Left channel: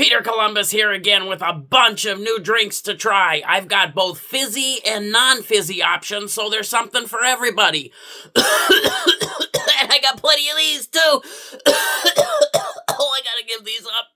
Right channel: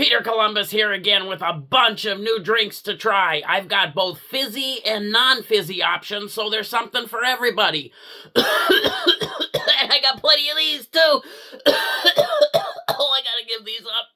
Peter Columbus here again with a bunch of new drinks to try. I've got both fizzy and non-fizzy options, so there's something for everybody. And I got plenty of these too. Oh, I gotta give these up.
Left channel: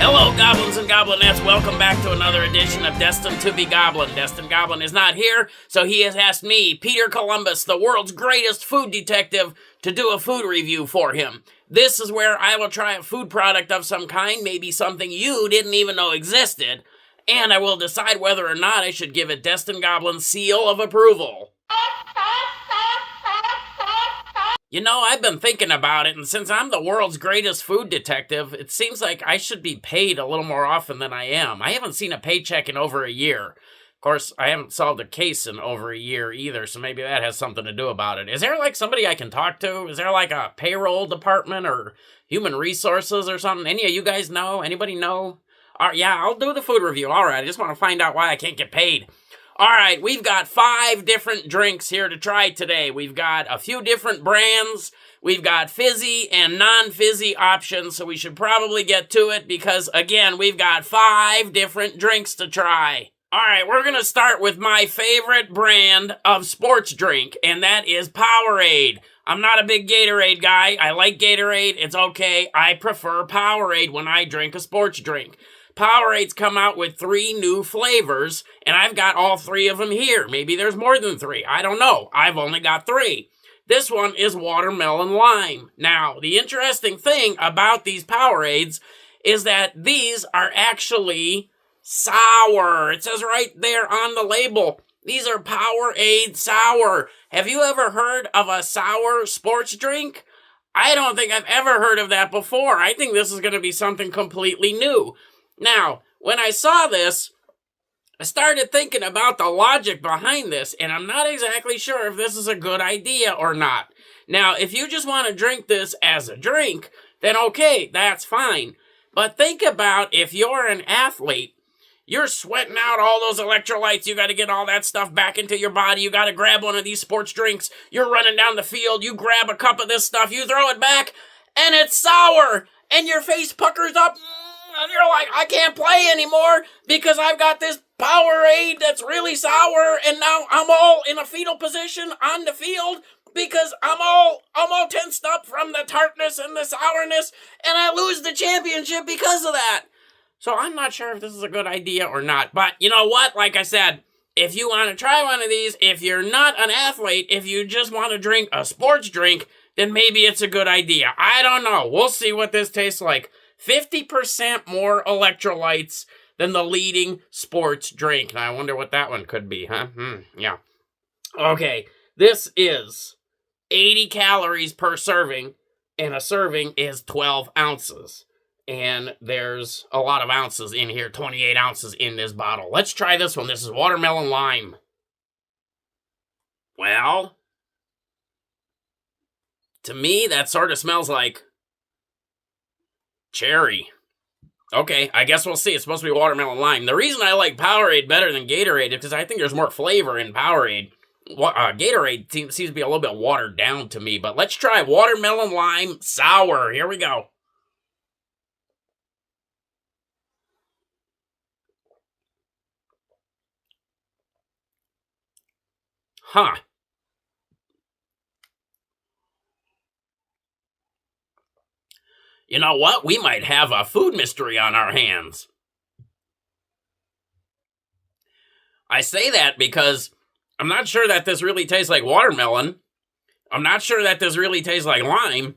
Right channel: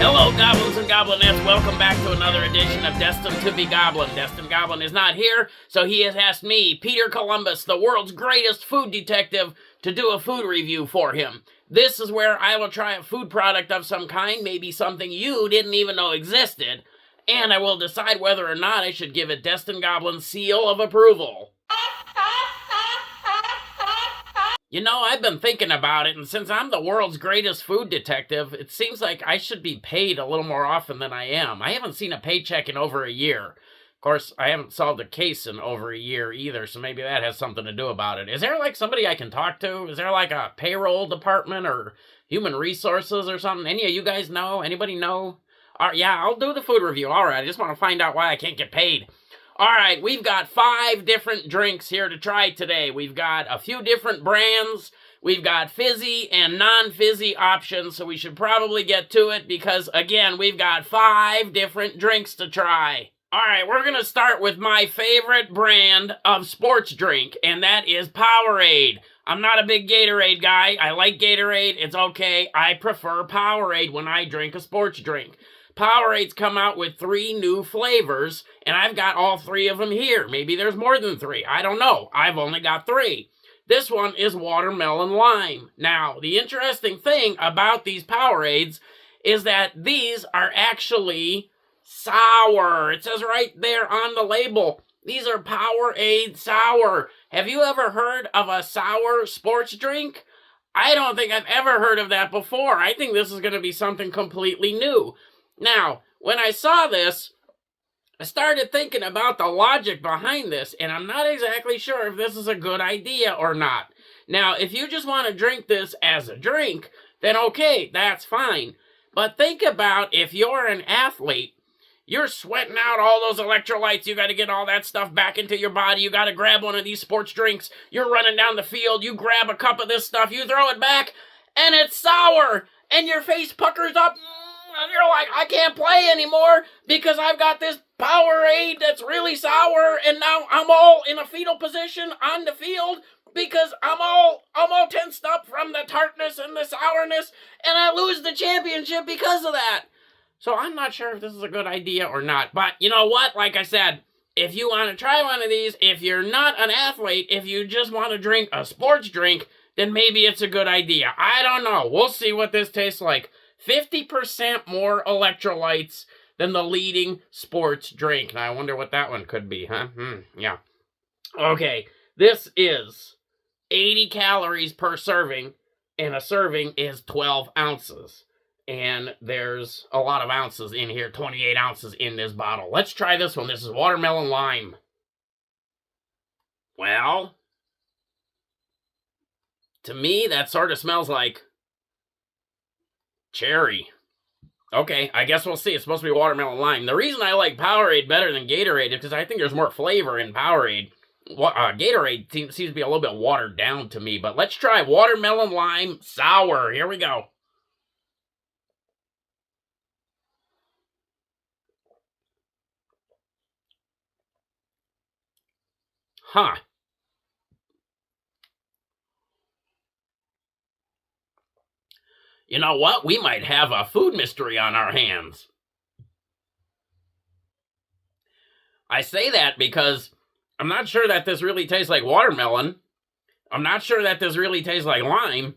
Hello, goblins and goblinettes. Welcome back to another edition of Destined to be Goblin. Destined Goblin is not here, so he has asked me, Peter Columbus, the world's greatest food detective, to do a food review for him. This is where I will try a food product of some kind, maybe something you didn't even know existed, and I will decide whether or not I should give it Destined Goblin's seal of approval. You know, I've been thinking about it, and since I'm the world's greatest food detective, it seems like I should be paid a little more often than I am. I haven't seen a paycheck in over a year. Of course, I haven't solved a case in over a year either, so maybe that has something to do about it. Is there, like, somebody I can talk to? Is there, like, a payroll department or human resources or something? Any of you guys know? Anybody know? Yeah, I'll do the food review. All right, I just want to find out why I can't get paid. All right, we've got 5 different drinks here to try today. We've got a few different brands. We've got fizzy and non-fizzy options, so we should probably get to it because, again, we've got 5 different drinks to try. All right, we're going to start with my favorite brand of sports drink, and that is Powerade. I'm not a big Gatorade guy. I like Gatorade. It's okay. I prefer Powerade when I drink a sports drink. Powerades come out with 3 new flavors, and I've got all 3 of them here. Maybe there's more than 3. I don't know. I've only got 3. This one is watermelon lime. Now, the interesting thing about these Powerades is that these are actually sour. It says right there on the label, these are Powerade Sour. Have you ever heard of a sour sports drink? I don't think I've ever heard of that before. I think this is going to be something completely new. Now, when I saw this, I started thinking about the logic behind this, and I'm not exactly sure if this is a good idea or not. Now, if you just want to drink this as a drink, then okay, that's fine. But think about if you're an athlete, you're sweating out all those electrolytes, you got to get all that stuff back into your body, you got to grab one of these sports drinks, you're running down the field, you grab a cup of this stuff, you throw it back, and it's sour, and your face puckers up, and you're like, I can't play anymore because I've got this Powerade that's really sour, and now I'm all in a fetal position on the field because I'm all tensed up from the tartness and the sourness, and I lose the championship because of that. So I'm not sure if this is a good idea or not, but you know what? Like I said, if you want to try one of these, if you're not an athlete, if you just want to drink a sports drink, then maybe it's a good idea. I don't know. We'll see what this tastes like. 50% more electrolytes than the leading sports drink. Now, I wonder what that one could be, huh? Yeah. Okay, this is 80 calories per serving, and a serving is 12 ounces. And there's a lot of ounces in here, 28 ounces in this bottle. Let's try this one. This is watermelon lime. Well, to me, that sort of smells like cherry. Okay, I guess we'll see. It's supposed to be watermelon lime. The reason I like Powerade better than Gatorade is because I think there's more flavor in Powerade. Gatorade seems to be a little bit watered down to me, but let's try watermelon lime sour. Here we go. Huh. You know what? We might have a food mystery on our hands. I say that because I'm not sure that this really tastes like watermelon. I'm not sure that this really tastes like lime.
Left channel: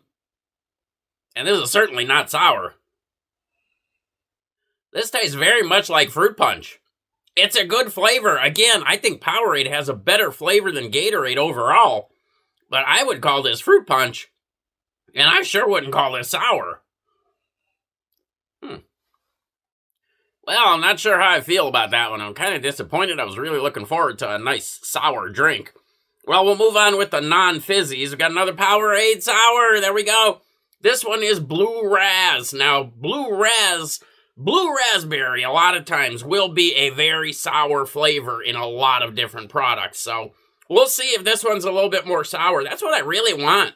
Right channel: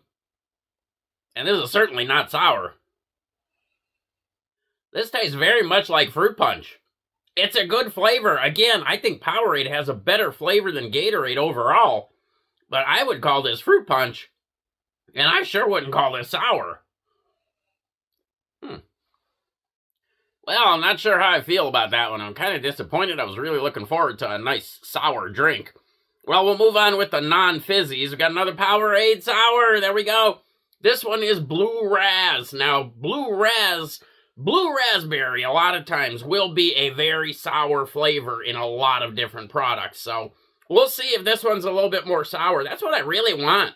And this is certainly not sour. This tastes very much like fruit punch. It's a good flavor. Again, I think Powerade has a better flavor than Gatorade overall. But I would call this fruit punch. And I sure wouldn't call this sour. Well, I'm not sure how I feel about that one. I'm kind of disappointed. I was really looking forward to a nice sour drink. Well, we'll move on with the non-fizzies. We got another Powerade Sour. There we go. This one is Blue Razz. Now, Blue raspberry, a lot of times will be a very sour flavor in a lot of different products. So we'll see if this one's a little bit more sour. That's what I really want.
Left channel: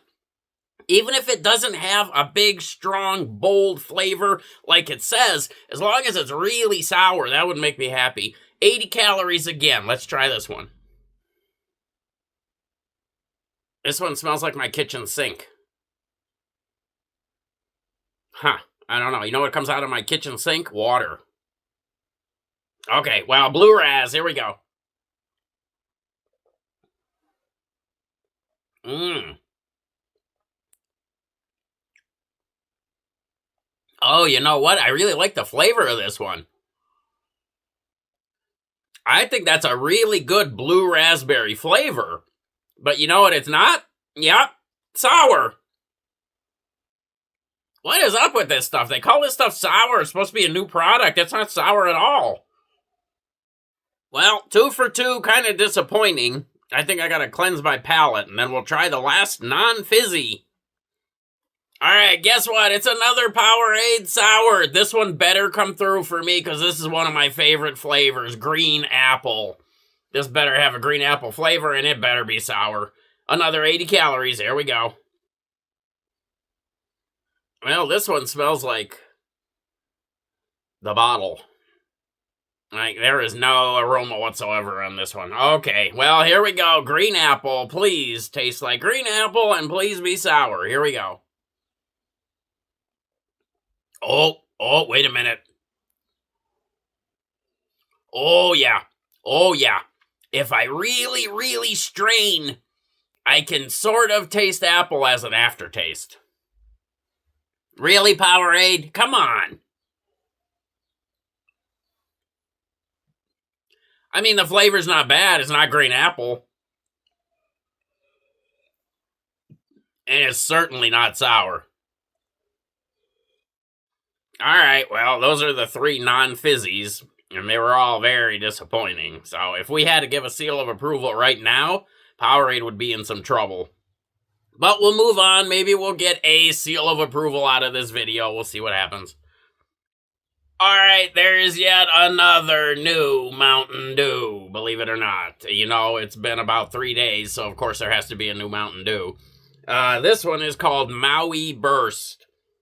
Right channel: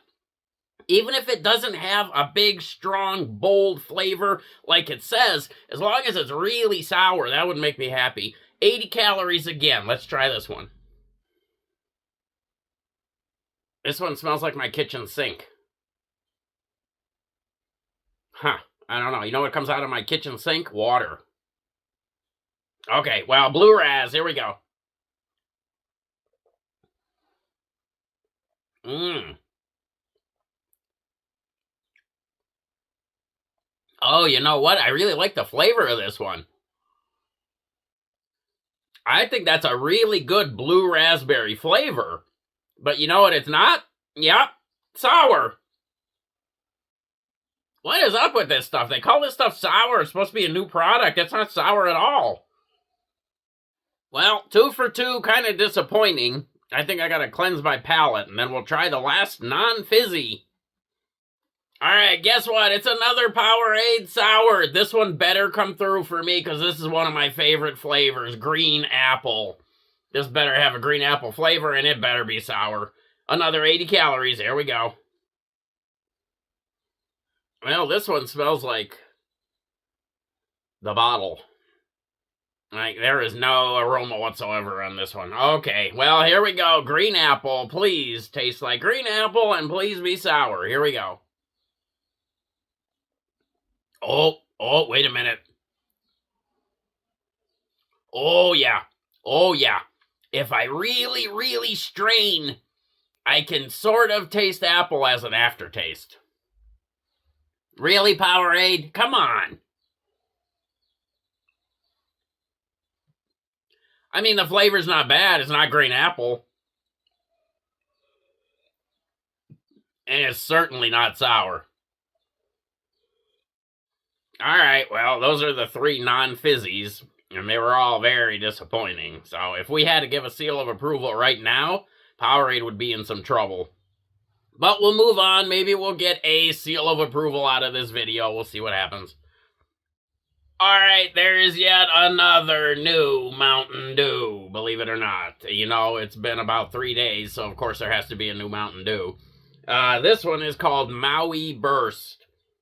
Even if it doesn't have a big, strong, bold flavor like it says, as long as it's really sour, that would make me happy. 80 calories again. Let's try this one. This one smells like my kitchen sink. Huh. I don't know. You know what comes out of my kitchen sink? Water. Okay, well, Blue Razz. Here we go. Oh, you know what? I really like the flavor of this one. I think that's a really good blue raspberry flavor. But you know what it's not? Yep, sour. What is up with this stuff? They call this stuff sour. It's supposed to be a new product. It's not sour at all. Well, 2 for 2, kind of disappointing. I think I gotta cleanse my palate, and then we'll try the last non-fizzy. Alright, guess what? It's another Powerade Sour. This one better come through for me, because this is one of my favorite flavors, green apple. This better have a green apple flavor, and it better be sour. Another 80 calories. Here we go. Well, this one smells like the bottle. Like, there is no aroma whatsoever on this one. Okay, well, here we go. Green apple, please taste like green apple, and please be sour. Here we go. Oh, wait a minute. Oh, yeah. Oh, yeah. If I really, really strain, I can sort of taste apple as an aftertaste. Really, Powerade? Come on. I mean, the flavor's not bad. It's not green apple. And it's certainly not sour. Alright, well, those are the 3 non-fizzies, and they were all very disappointing. So if we had to give a seal of approval right now, Powerade would be in some trouble. But we'll move on. Maybe we'll get a seal of approval out of this video. We'll see what happens. Alright, there's yet another new Mountain Dew, believe it or not. You know, it's been about 3 days, so of course there has to be a new Mountain Dew. This one is called Maui Burst,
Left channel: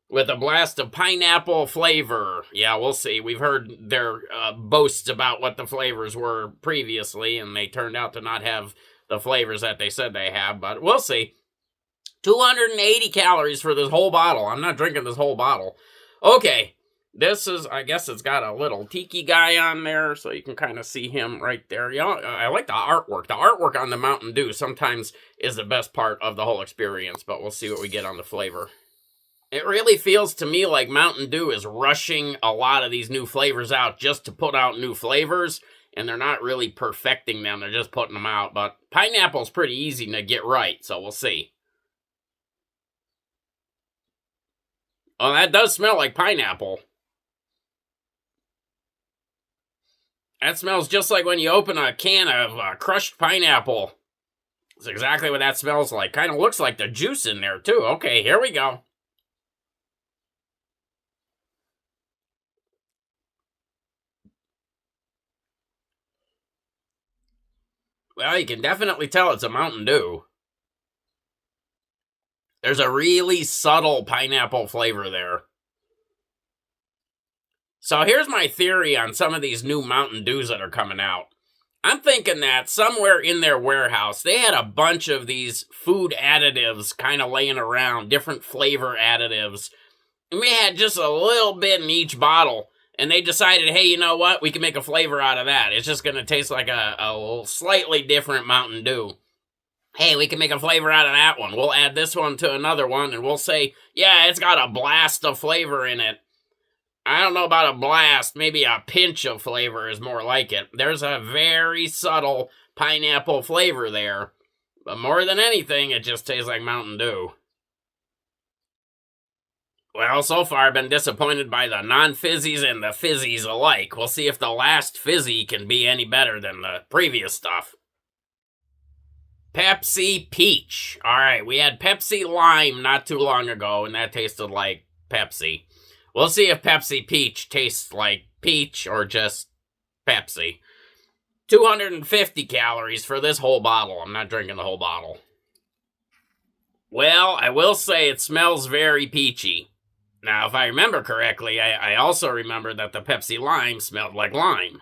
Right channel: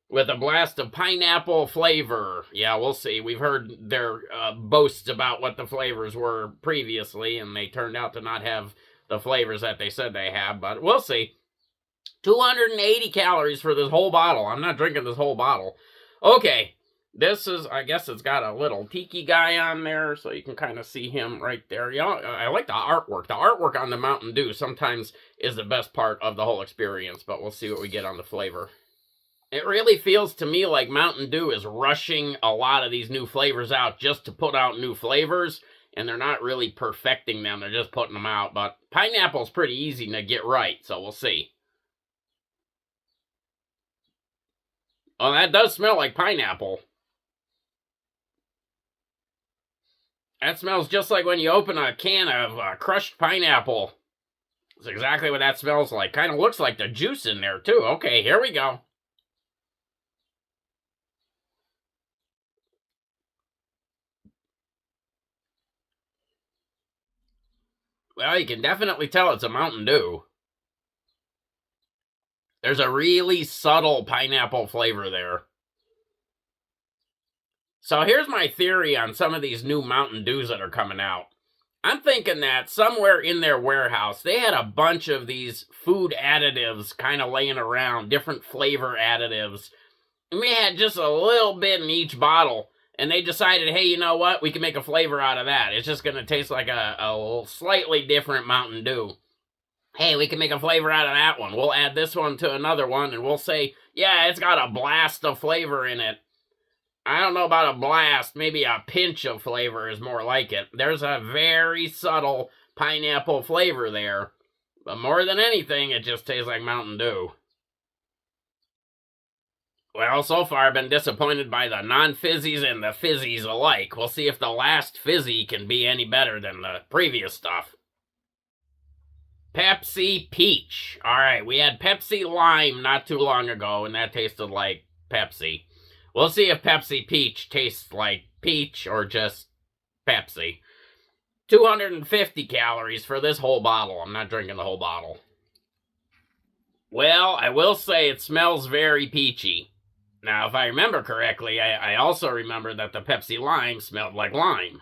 with a blast of pineapple flavor. Yeah, we'll see. We've heard their boasts about what the flavors were previously, and they turned out to not have the flavors that they said they have, but we'll see. 280 calories for this whole bottle. I'm not drinking this whole bottle. Okay, this is, I guess it's got a little tiki guy on there, so you can kind of see him right there. You know, I like the artwork. The artwork on the Mountain Dew sometimes is the best part of the whole experience, but we'll see what we get on the flavor. It really feels to me like Mountain Dew is rushing a lot of these new flavors out just to put out new flavors, and they're not really perfecting them. They're just putting them out, but pineapple's pretty easy to get right, so we'll see. Oh, that does smell like pineapple. That smells just like when you open a can of crushed pineapple. That's exactly what that smells like. Kind of looks like the juice in there, too. Okay, here we go. Well, you can definitely tell it's a Mountain Dew. There's a really subtle pineapple flavor there. So here's my theory on some of these new Mountain Dews that are coming out. I'm thinking that somewhere in their warehouse, they had a bunch of these food additives kind of laying around, different flavor additives. And we had just a little bit in each bottle. And they decided, hey, you know what? We can make a flavor out of that. It's just going to taste like a slightly different Mountain Dew. Hey, we can make a flavor out of that one. We'll add this one to another one, and we'll say, yeah, it's got a blast of flavor in it. I don't know about a blast. Maybe a pinch of flavor is more like it. There's a very subtle pineapple flavor there. But more than anything, it just tastes like Mountain Dew. Well, so far I've been disappointed by the non-fizzies and the fizzies alike. We'll see if the last fizzy can be any better than the previous stuff. Pepsi Peach. All right, we had Pepsi Lime not too long ago, and that tasted like Pepsi. We'll see if Pepsi Peach tastes like peach or just Pepsi. 250 calories for this whole bottle. I'm not drinking the whole bottle. Well, I will say it smells very peachy. Now, if I remember correctly, I also remember that the Pepsi Lime smelled like lime.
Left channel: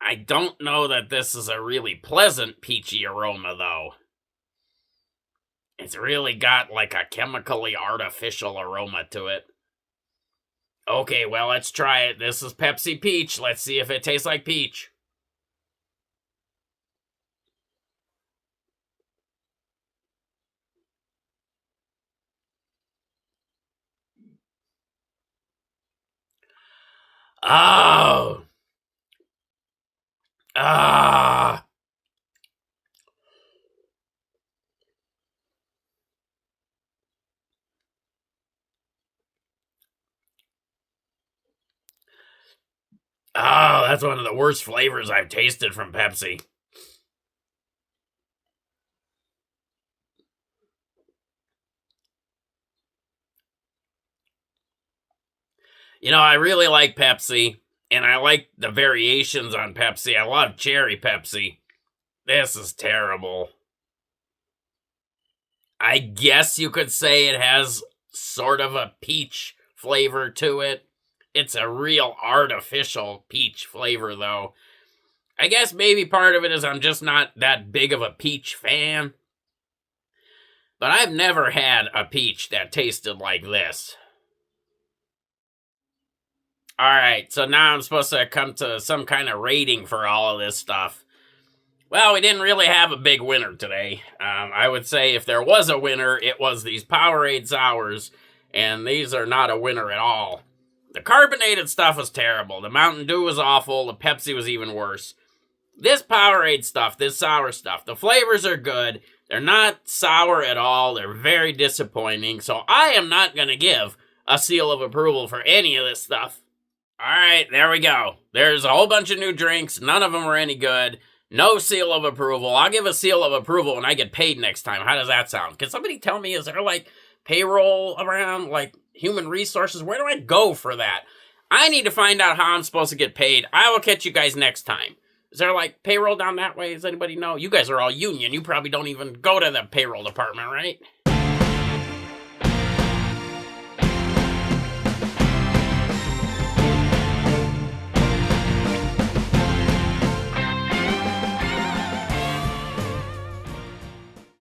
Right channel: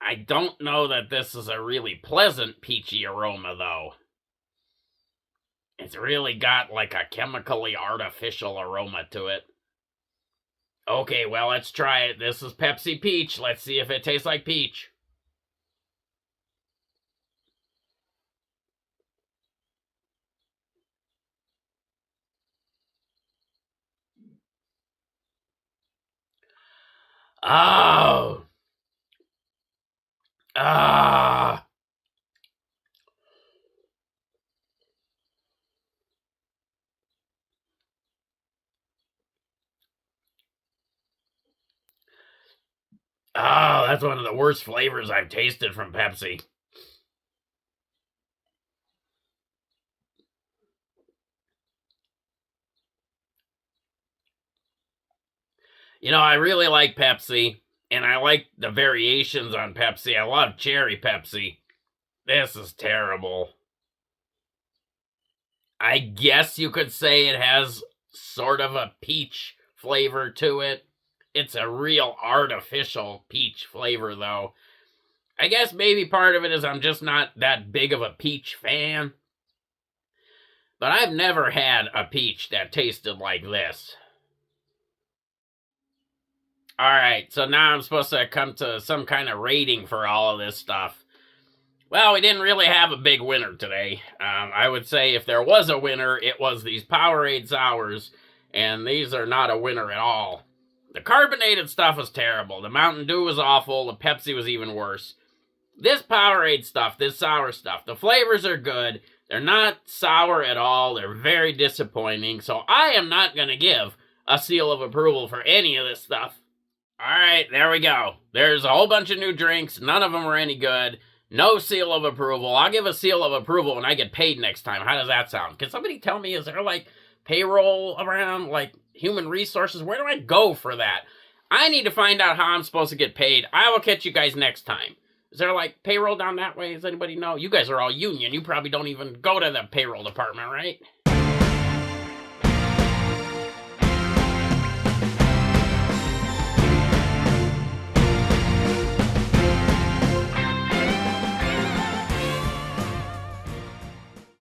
I don't know that this is a really pleasant peachy aroma, though. It's really got like a chemically artificial aroma to it. Okay, well, let's try it. This is Pepsi Peach. Let's see if it tastes like peach. Oh. Ah. Oh, that's one of the worst flavors I've tasted from Pepsi. You know, I really like Pepsi, and I like the variations on Pepsi. I love cherry Pepsi. This is terrible. I guess you could say it has sort of a peach flavor to it. It's a real artificial peach flavor, though. I guess maybe part of it is I'm just not that big of a peach fan. But I've never had a peach that tasted like this. Alright, so now I'm supposed to come to some kind of rating for all of this stuff. Well, we didn't really have a big winner today. I would say if there was a winner, it was these Powerade Sours, and these are not a winner at all. The carbonated stuff was terrible. The Mountain Dew was awful. The Pepsi was even worse. This Powerade stuff, this sour stuff, the flavors are good. They're not sour at all. They're very disappointing. So I am not going to give a seal of approval for any of this stuff. All right, there we go. There's a whole bunch of new drinks. None of them are any good. No seal of approval. I'll give a seal of approval when I get paid next time. How does that sound? Can somebody tell me, is there like payroll around, like human resources? Where do I go for that? I need to find out how I'm supposed to get paid. I will catch you guys next time. Is there like payroll down that way? Does anybody know? You guys are all union. You probably don't even go to the payroll department, right?